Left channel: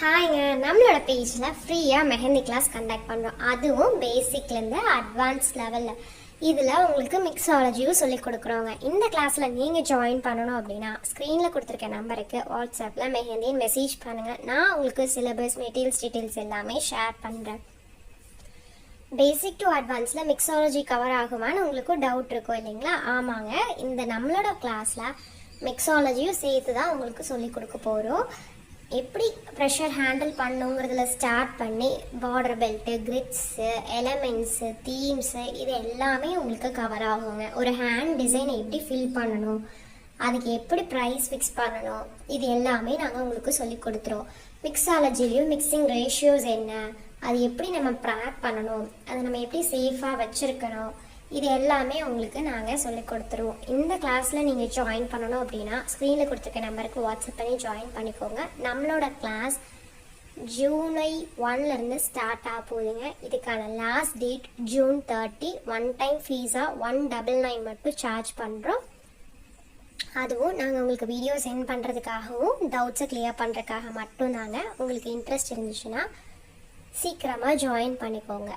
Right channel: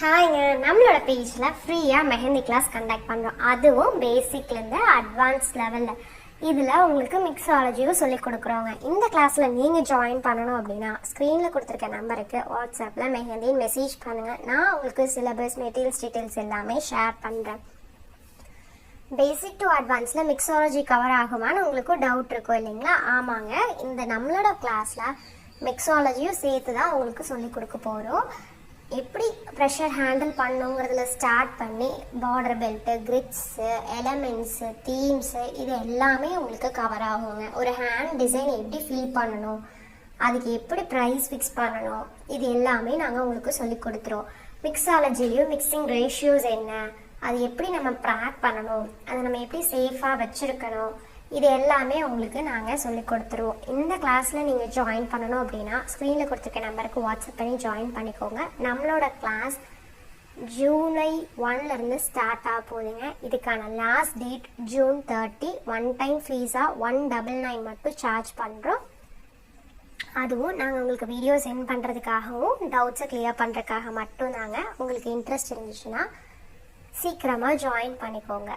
ஹாய்ங்க, நம்மளோட பேஜில் ஃப்ரீயாக மெஹந்தி கிளாஸ் கண்டக்ட் பண்ணுறோம். அதுவும் பேசிக்லேருந்து அட்வான்ஸ் லெவலில். இதில் உங்களுக்கு மிக்ஸாலஜியும் சொல்லிக் கொடுக்குறோங்க. இந்த கிளாஸில் நீங்கள் ஜாயின் பண்ணணும் அப்படின்னா ஸ்க்ரீனில் கொடுத்துருக்க நம்பருக்கு வாட்ஸ்அப்பில் மெஹந்தின்னு மெசேஜ் பண்ணுங்கள். நான் உங்களுக்கு சிலபஸ் மெட்டீரியல்ஸ் டீட்டெயில்ஸ் எல்லாமே ஷேர் பண்ணுறேன். பேசிக் டு அட்வான்ஸில் மிக்ஸாலஜி கவர் ஆகுமான்னு உங்களுக்கு டவுட் இருக்கும் இல்லைங்களா? ஆமாங்க, இந்த நம்மளோட கிளாஸில் மிக்ஸாலஜியும் சேர்த்து தான் உங்களுக்கு சொல்லிக் கொடுக்க போகிறோம். எப்படி ப்ரெஷர் ஹேண்டில் பண்ணுங்கிறதுல ஸ்டார்ட் பண்ணி பார்டர் பெல்ட்டு, கிரிட்ஸு, எலமெண்ட்ஸு, தீம்ஸு இது எல்லாமே உங்களுக்கு கவர் ஆகுங்க. ஒரு ஹேண்ட் டிசைன் எப்படி ஃபில் பண்ணணும், அதுக்கு எப்படி ப்ரைஸ் ஃபிக்ஸ் பண்ணணும், இது எல்லாமே நாங்கள் உங்களுக்கு சொல்லி கொடுத்துருவோம். மிக்ஸாலஜிலையும் மிக்சிங் ரேஷியோஸ் என்ன, அது எப்படி நம்ம ப்ராக் பண்ணணும், அதை நம்ம எப்படி சேஃபாக வச்சுருக்கணும், இது எல்லாமே உங்களுக்கு நாங்கள் சொல்லி கொடுத்துருவோம். இந்த கிளாஸில் நீங்கள் ஜாயின் பண்ணணும் அப்படின்னா ஸ்க்ரீனில் கொடுத்துருக்க நம்பருக்கு வாட்ஸ்அப் பண்ணி ஜாயின் பண்ணிக்கோங்க. நம்மளோட கிளாஸ் ஜூலை 1லேருந்து ஸ்டார்ட் ஆக போகுதுங்க. இதுக்கான last date June 30. One time ஃபீஸாக 199 மட்டும் சார்ஜ் பண்ணுறோம். அதுவும் நாங்கள் உங்களுக்கு வீடியோ சென்ட் பண்ணுறதுக்காகவும் டவுட்ஸை கிளியர் பண்ணுறதுக்காக மட்டும் தாங்க. உங்களுக்கு இன்ட்ரெஸ்ட் இருந்துச்சுன்னா சீக்கிரமாக ஜாயின் பண்ணிக்கோங்க.